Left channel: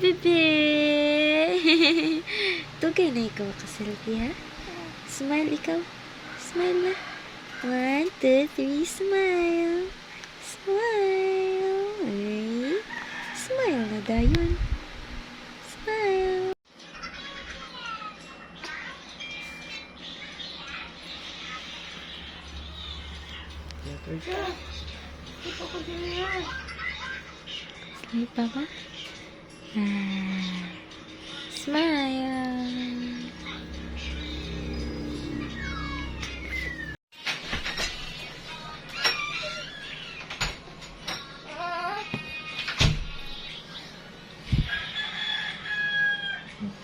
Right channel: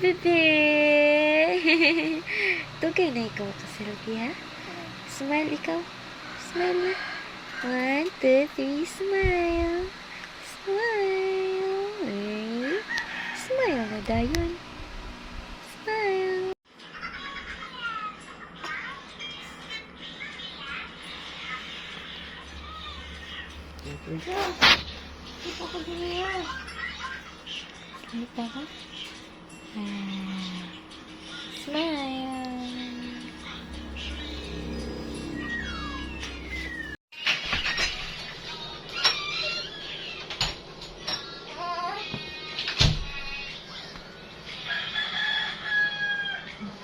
bebe. Tugay na ikaw kaselfie, ha? Smile ikaw. Smile na. 1, 2, 3, smile. Smile. Ay. Smile na dayon. Smile. Smile pa ba? Smile.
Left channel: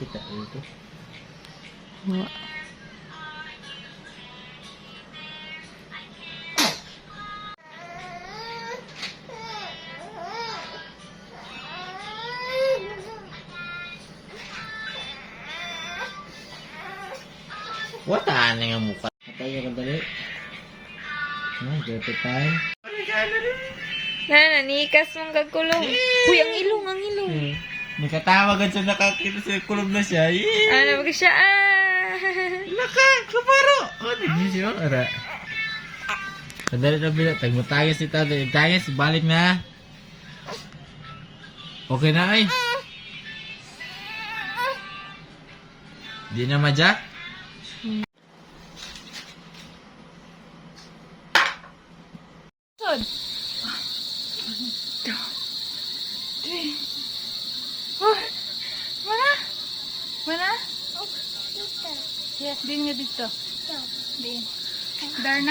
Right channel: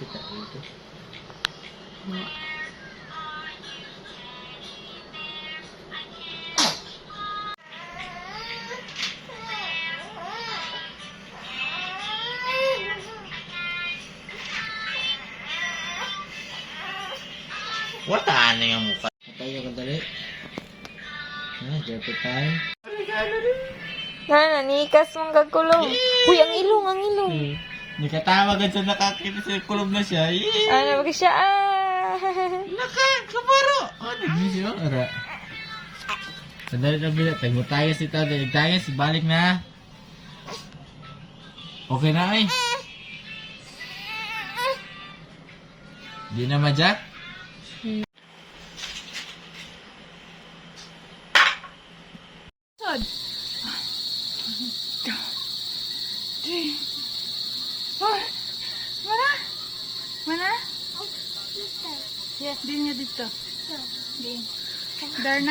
Kita itu. No. Wata na yung mukha. Patay ka dali. Dito tayo. Nikas mong gagkulong. Uy, ang ilong, ang ilong. Nakatawagan siya, nakakita sa kulog na siya. Ano ba siya? Kumaro. Ano siya? Ara. Sandali na bilang. Tayo tayo si Tado. Tayo, balik na. Okay na ay. Di na madyak? Mana? Yes, din nga dito. Din. Darna.